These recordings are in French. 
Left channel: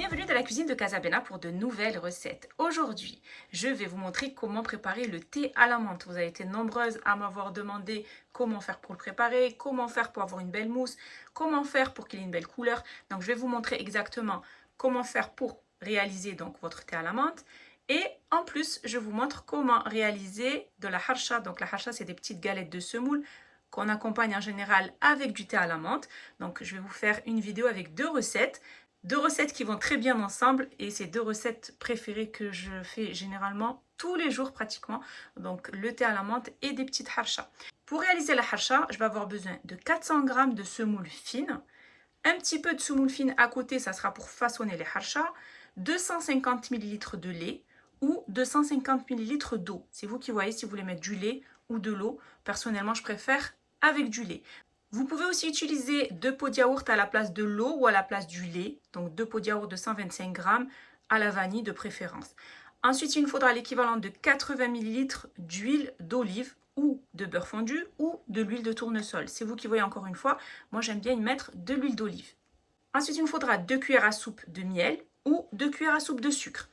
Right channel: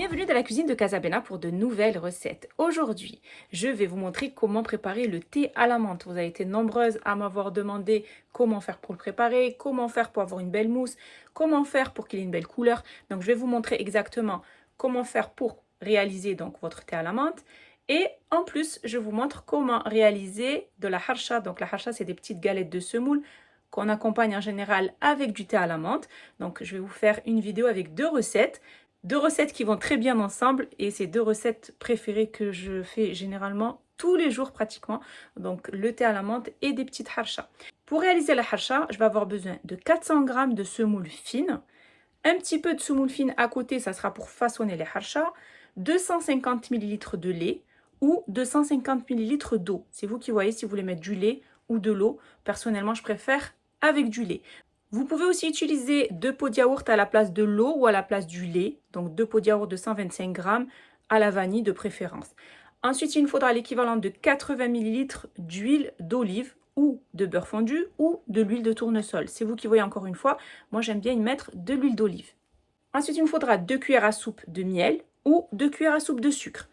Bienvenue dans la cuisine de Casabena pour de nouvelles recettes. Aujourd'hui, je vais vous montrer comment préparer le thé à la menthe. Vous avez été nombreuses à m'avoir demandé comment faire pour le préparer, comment faire pour avoir une belle mousse, comment faire pour qu'il ait une belle couleur. Donc, je vais vous montrer exactement comment faire pour réaliser donc votre thé à la menthe. Et en plus, je vous montre comment réaliser de la harsha. Donc, la harsha, c'est des petites galettes de semoule qu'on accompagne en général avec du thé à la menthe. Donc, je vais vous faire une vidéo avec deux recettes. Deux recettes qui vont très bien ensemble et c'est deux recettes préférées que je fais généralement tous les jours pratiquement. Donc le thé à la menthe et des petites harsha. Pour réaliser la harsha, je vais avoir besoin de 400 g de semoule fine. Un petit peu de semoule fine à côté, ça sera pour façonner les harsha. 250 ml de lait ou 250 ml d'eau. C'est vous qui voyez si vous voulez mettre du lait ou de l'eau. Personnellement, je préfère avec du lait. Vous pouvez aussi utiliser 2 pots de yaourt à la place de l'eau ou à la place du lait. Donc 2 pots de yaourt de 125 g à la vanille de préférence. Ensuite, il nous faudra l'équivalent de 80 ml d'huile d'olive ou de beurre fondu ou de l'huile de tournesol. C'est vous qui voyez encore une fois. Moi, j'aime bien y mettre de l'huile d'olive. Ensuite, il nous faudra 2 cuillères à soupe de miel ou 2 cuillères à soupe de sucre.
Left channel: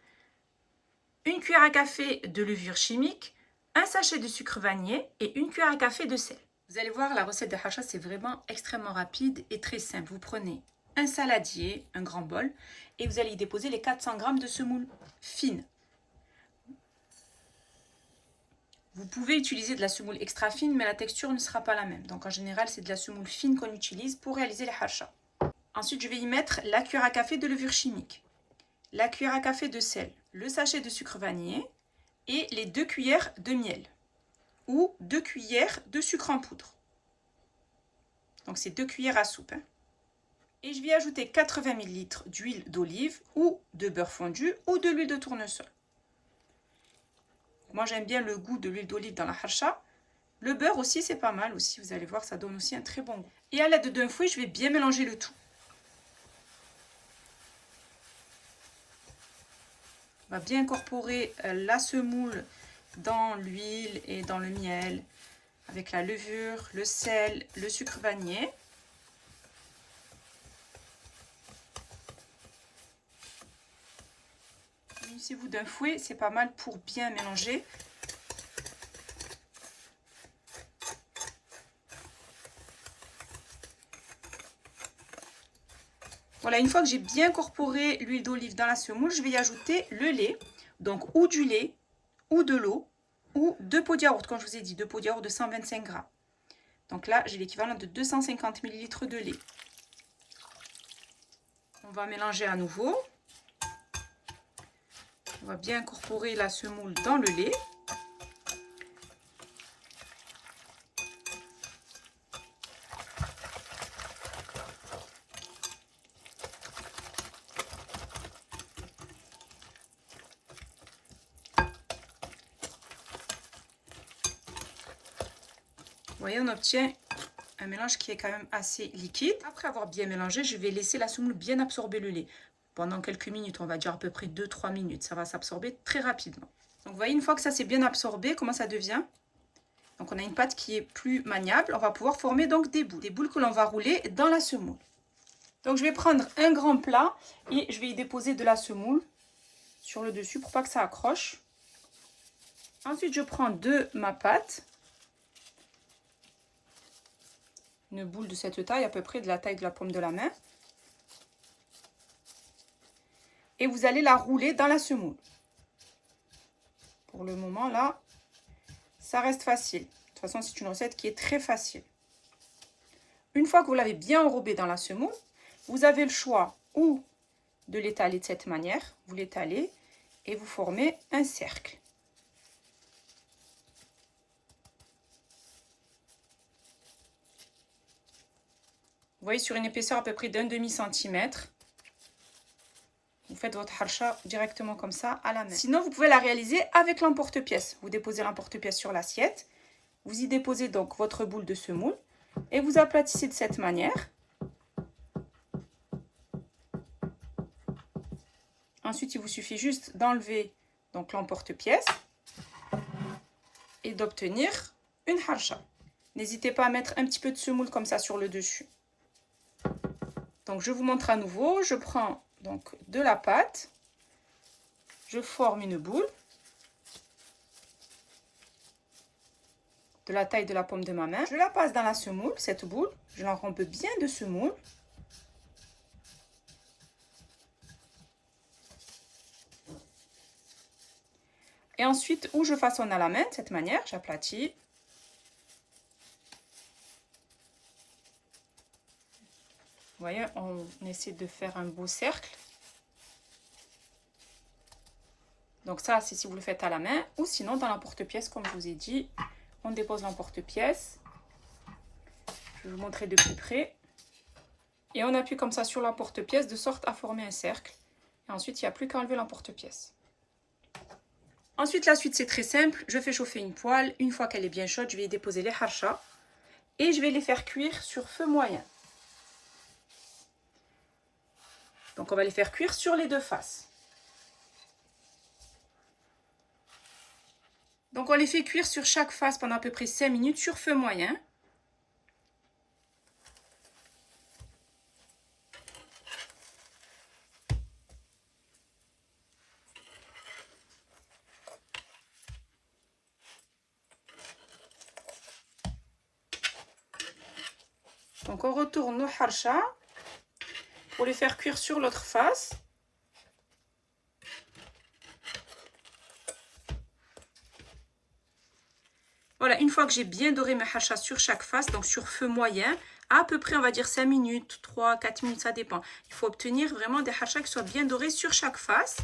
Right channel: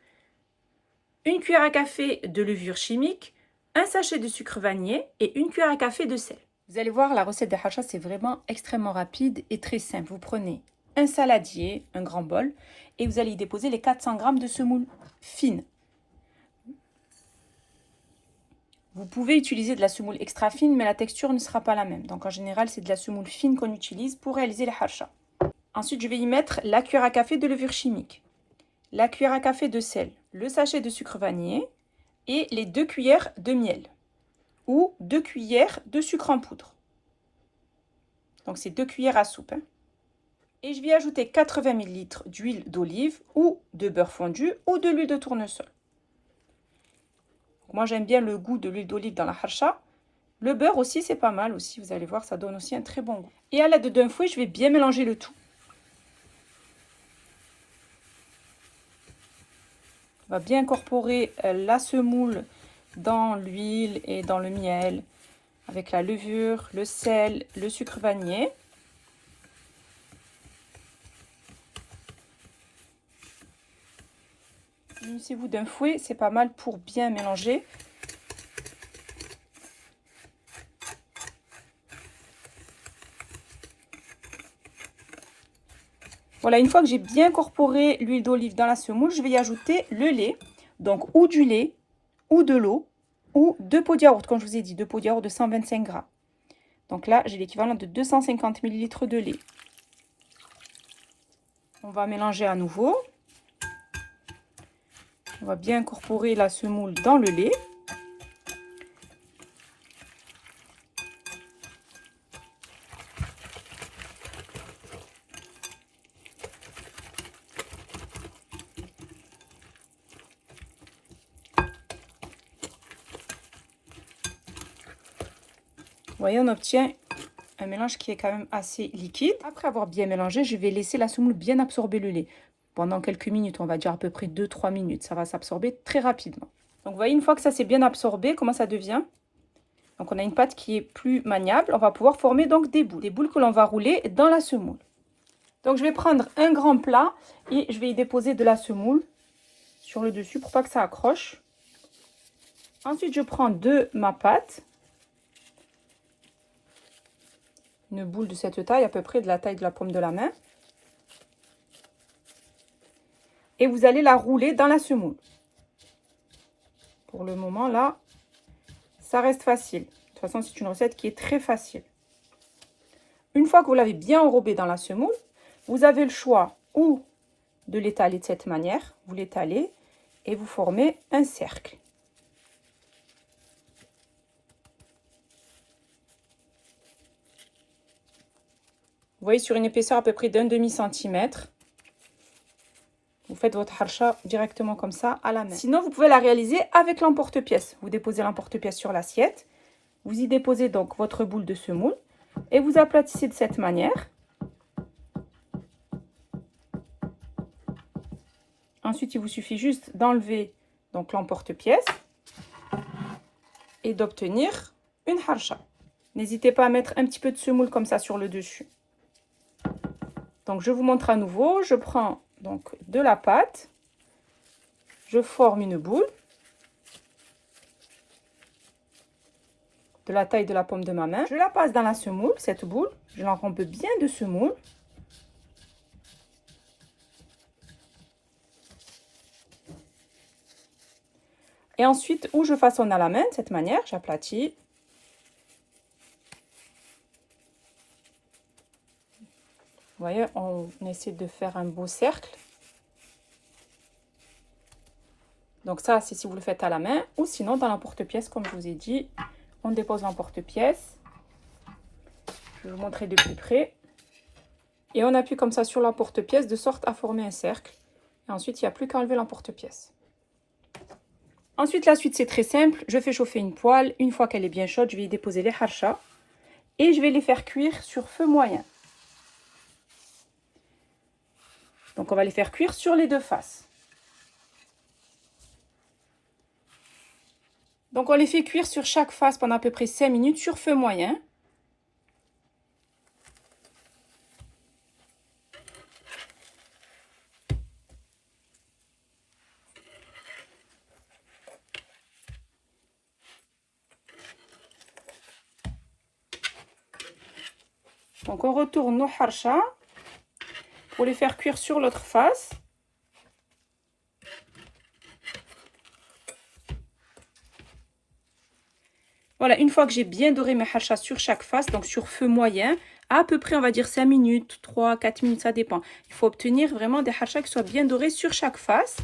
1 cuillère à café de levure chimique, un sachet de sucre vanillé et 1 cuillère à café de sel. Vous allez voir, la recette de harsha, c'est vraiment extrêmement rapide et très simple. Vous prenez un saladier, un grand bol, et vous allez y déposer les 400 g de semoule fine. Vous pouvez utiliser de la semoule extra fine, mais la texture ne sera pas la même. Donc en général, c'est de la semoule fine qu'on utilise pour réaliser les harsha. Ensuite, je vais y mettre la cuillère à café de levure chimique, la cuillère à café de sel, le sachet de sucre vanillé et les 2 cuillères de miel. Ou 2 cuillères de sucre en poudre. Donc c'est 2 cuillères à soupe. Et je vais ajouter 80 ml d'huile d'olive ou de beurre fondu ou de l'huile de tournesol. Moi j'aime bien le goût de l'huile d'olive dans la harsha. Le beurre aussi c'est pas mal aussi, vous allez voir, ça donne aussi un très bon goût. Et à l'aide d'un fouet, je vais bien mélanger le tout. On va bien incorporer la semoule dans l'huile et dans le miel, avec la levure, le sel, le sucre vanillé. Munissez-vous d'un fouet, c'est pas mal pour bien mélanger. Voilà, une fois que j'ai bien incorporé l'huile d'olive dans la semoule, je vais y ajouter le lait. Donc ou du lait, ou de l'eau, ou 2 pots de yaourt, comme je vous ai dit, 2 pots de yaourt de 125 g. Donc là, j'ai l'équivalent de 250 ml de lait. On va mélanger à nouveau. On va bien incorporer la semoule dans le lait. Vous voyez, on obtient un mélange qui est quand même assez liquide. Après avoir bien mélangé, je vais laisser la semoule bien absorber le lait. Pendant quelques minutes, on va dire à peu près 2-3 minutes. Ça va s'absorber très rapidement. Donc vous voyez, une fois que ça s'est bien absorbé, comment ça devient? Donc on a une pâte qui est plus maniable. On va pouvoir former donc des boules que l'on va rouler dans la semoule. Donc je vais prendre un grand plat et je vais y déposer de la semoule sur le dessus pour pas que ça accroche. Ensuite, je prends de ma pâte. Une boule de cette taille, à peu près de la taille de la paume de la main. Et vous allez la rouler dans la semoule. Pour le moment, là, ça reste facile. De toute façon, c'est une recette qui est très facile. Une fois que vous l'avez bien enrobée dans la semoule, vous avez le choix ou de l'étaler de cette manière. Vous l'étalez et vous formez un cercle. Vous voyez, sur une épaisseur à peu près d'un demi-centimètre. Vous faites votre harsha directement comme ça à la main. Sinon, vous pouvez la réaliser avec l'emporte-pièce. Vous déposez l'emporte-pièce sur l'assiette. Vous y déposez donc votre boule de semoule et vous aplatissez de cette manière. Ensuite, il vous suffit juste d'enlever donc l'emporte-pièce et d'obtenir une harsha. N'hésitez pas à mettre un petit peu de semoule comme ça sur le dessus. Donc je vous montre à nouveau, je prends donc de la pâte. Je forme une boule de la taille de la paume de ma main. Je la passe dans la semoule, cette boule. Je l'enrombe bien de semoule. Et ensuite, où je façonne à la main, de cette manière, j'aplatis. Vous voyez, on essaie de faire un beau cercle. Donc ça, c'est si vous le faites à la main, ou sinon dans l'emporte-pièce, comme je vous ai dit, on dépose l'emporte-pièce. Je vais vous montrer de plus près. Et on appuie comme ça sur l'emporte-pièce de sorte à former un cercle. Et ensuite, il n'y a plus qu'à enlever l'emporte-pièce. Ensuite, la suite, c'est très simple. Je fais chauffer une poêle. Une fois qu'elle est bien chaude, je vais y déposer les harcha. Et je vais les faire cuire sur feu moyen. Donc, on va les faire cuire sur les deux faces. Donc, on les fait cuire sur chaque face pendant à peu près 5 minutes sur feu moyen. Donc, on retourne nos harcha pour les faire cuire sur l'autre face. Voilà, une fois que j'ai bien doré mes harcha sur chaque face, donc sur feu moyen, à peu près, on va dire 5 minutes, 3, 4 minutes, ça dépend. Il faut obtenir vraiment des harcha qui soient bien dorés sur chaque face.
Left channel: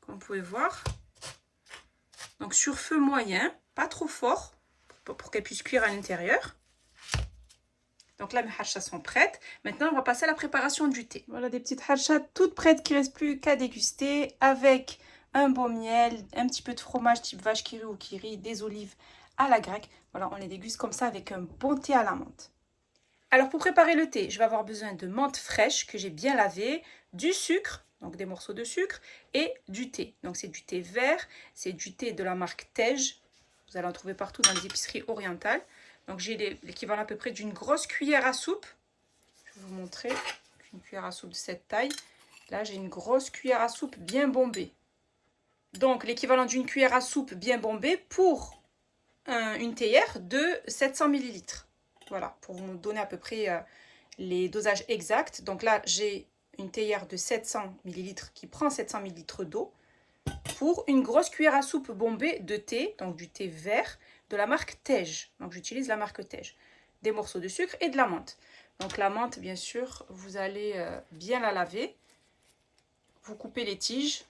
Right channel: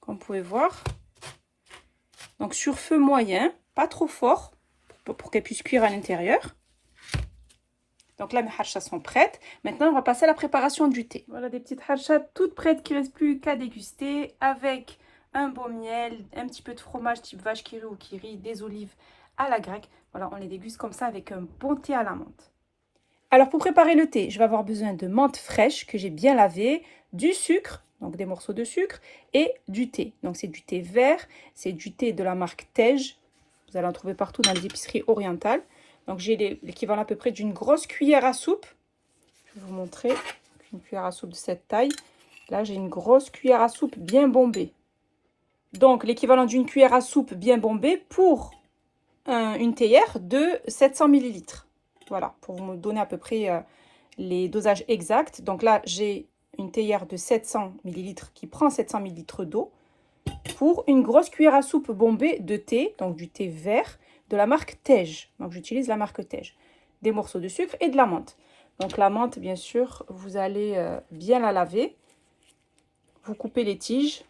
Comme vous pouvez voir. Donc sur feu moyen, pas trop fort, pour qu'elles puissent cuire à l'intérieur. Donc là, mes harchas sont prêtes. Maintenant, on va passer à la préparation du thé. Voilà des petites harchas toutes prêtes qui ne restent plus qu'à déguster avec un beau miel, un petit peu de fromage type vache qui rit ou qui rit, des olives à la grecque. Voilà, on les déguste comme ça avec un bon thé à la menthe. Alors, pour préparer le thé, je vais avoir besoin de menthe fraîche que j'ai bien lavée, du sucre, donc des morceaux de sucre, et du thé. Donc, c'est du thé vert, c'est du thé de la marque Tej. Vous allez en trouver partout dans les épiceries orientales. Donc, j'ai l'équivalent à peu près d'une grosse cuillère à soupe. Je vais vous montrer une cuillère à soupe de cette taille. Là, j'ai une grosse cuillère à soupe bien bombée. Donc, l'équivalent d'une cuillère à soupe bien bombée pour une théière de 700 ml. Voilà, pour vous donner à peu près les dosages exacts. Donc là, j'ai une théière de 700 ml qui prend 700 ml d'eau pour une grosse cuillère à soupe bombée de thé, donc du thé vert, de la marque Tej. Donc, j'utilise la marque Tej. Des morceaux de sucre et de la menthe. Donc, la menthe, bien sûr, vous allez bien la laver. Vous coupez les tiges.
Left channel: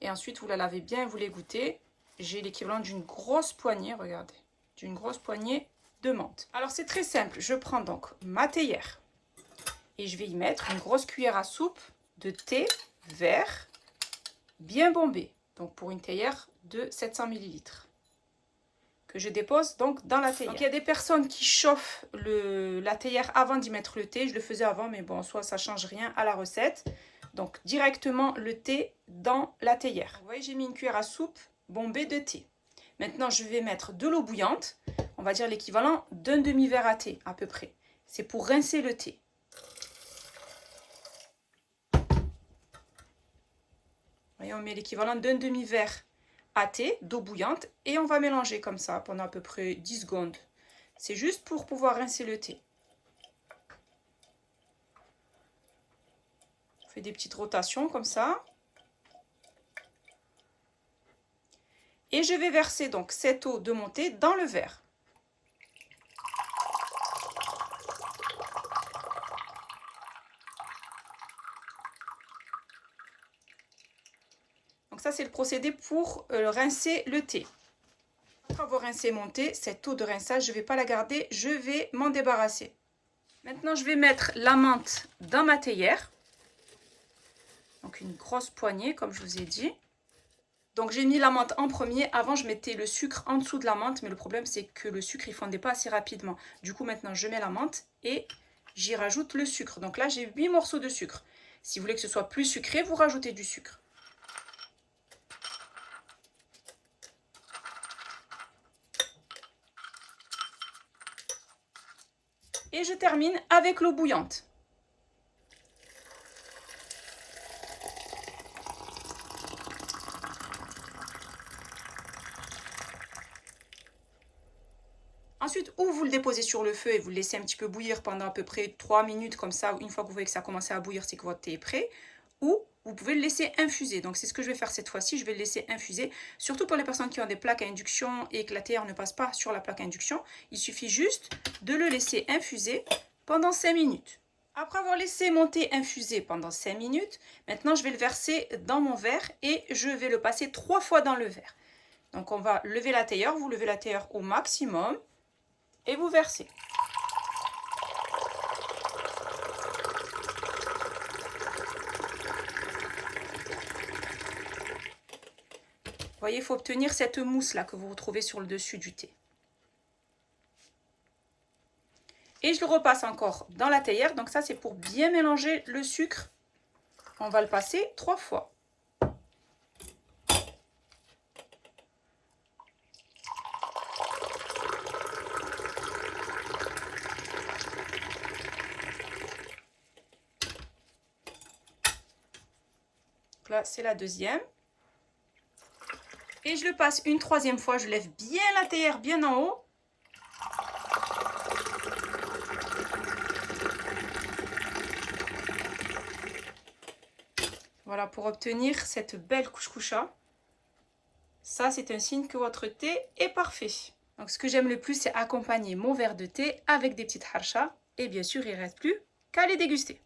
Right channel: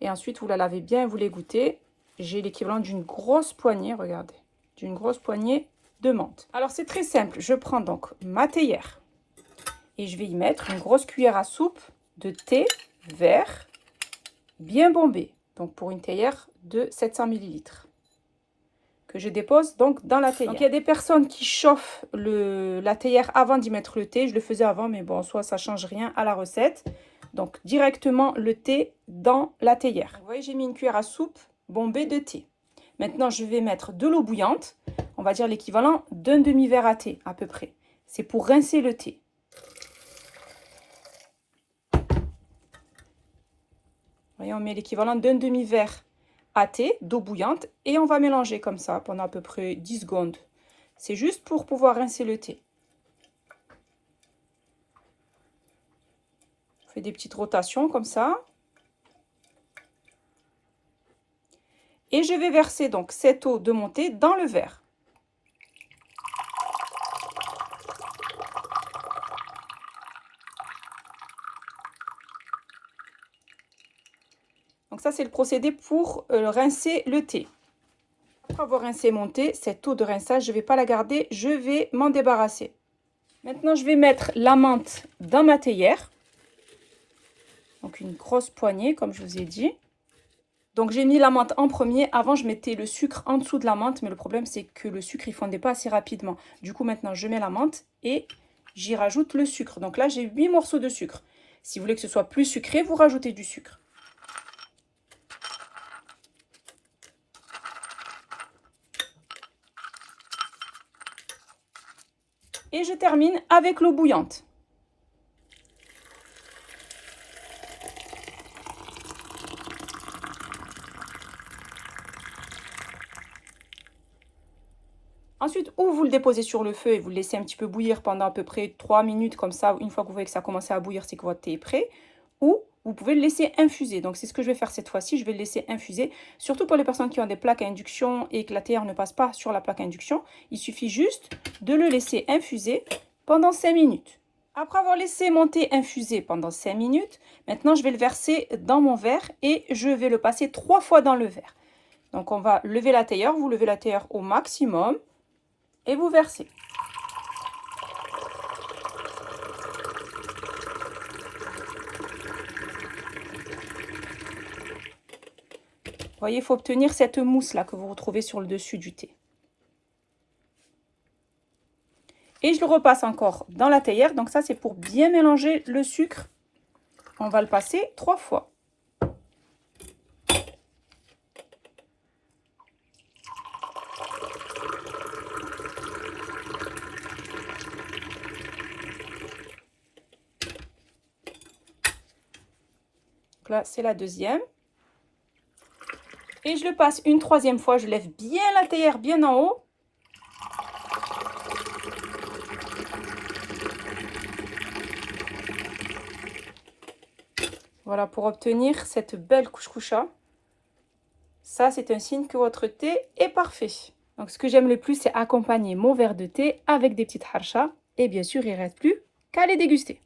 Et ensuite, vous la lavez bien, vous l'égouttez. J'ai l'équivalent d'une grosse poignée, regardez. D'une grosse poignée de menthe. Alors, c'est très simple. Je prends donc ma théière. Et je vais y mettre une grosse cuillère à soupe de thé vert bien bombé. Donc, pour une théière de 700 ml. Que je dépose donc dans la théière. Donc, il y a des personnes qui chauffent la théière avant d'y mettre le thé. Je le faisais avant, mais bon, soit ça ne change rien à la recette. Donc, directement le thé dans la théière. Vous voyez, j'ai mis une cuillère à soupe bombée de thé. Maintenant, je vais mettre de l'eau bouillante. On va dire l'équivalent d'un demi-verre à thé, à peu près. C'est pour rincer le thé. Vous voyez, on met l'équivalent d'un demi-verre à thé, d'eau bouillante, et on va mélanger comme ça pendant à peu près 10 secondes. C'est juste pour pouvoir rincer le thé. Je fais des petites rotations comme ça. Et je vais verser donc cette eau de mon thé dans le verre. Donc ça, c'est le procédé pour rincer le thé. Après avoir rincé mon thé, cette eau de rinçage, je ne vais pas la garder, je vais m'en débarrasser. Maintenant, je vais mettre la menthe dans ma théière. Donc une grosse poignée, comme je vous ai dit. Donc j'ai mis la menthe en premier. Avant, je mettais le sucre en dessous de la menthe, mais le problème, c'est que le sucre, il ne fondait pas assez rapidement. Du coup, maintenant, je mets la menthe et j'y rajoute le sucre. Donc là, j'ai 8 morceaux de sucre. Si vous voulez que ce soit plus sucré, vous rajoutez du sucre. Et je termine avec l'eau bouillante. Ensuite, ou vous le déposez sur le feu et vous le laissez un petit peu bouillir pendant à peu près 3 minutes comme ça. Une fois que vous voyez que ça commence à bouillir, c'est que votre thé est prêt. Ou vous pouvez le laisser infuser. Donc, c'est ce que je vais faire cette fois-ci. Je vais le laisser infuser. Surtout pour les personnes qui ont des plaques à induction et que la théière ne passe pas sur la plaque à induction. Il suffit juste de le laisser infuser pendant 5 minutes. Après avoir laissé mon thé infuser pendant 5 minutes, maintenant je vais le verser dans mon verre et je vais le passer 3 fois dans le verre. Donc, on va lever la théière. Vous levez la théière au maximum et vous versez. Vous voyez, il faut obtenir cette mousse-là que vous retrouvez sur le dessus du thé. Et je le repasse encore dans la théière. Donc ça, c'est pour bien mélanger le sucre. On va le passer 3 fois. Donc là, c'est la deuxième. Et je le passe une troisième fois. Je lève bien la théière bien en haut. Voilà, pour obtenir cette belle kouchkoucha. Ça, c'est un signe que votre thé est parfait. Donc, ce que j'aime le plus, c'est accompagner mon verre de thé avec des petites harchas. Et bien sûr, il ne reste plus qu'à les déguster.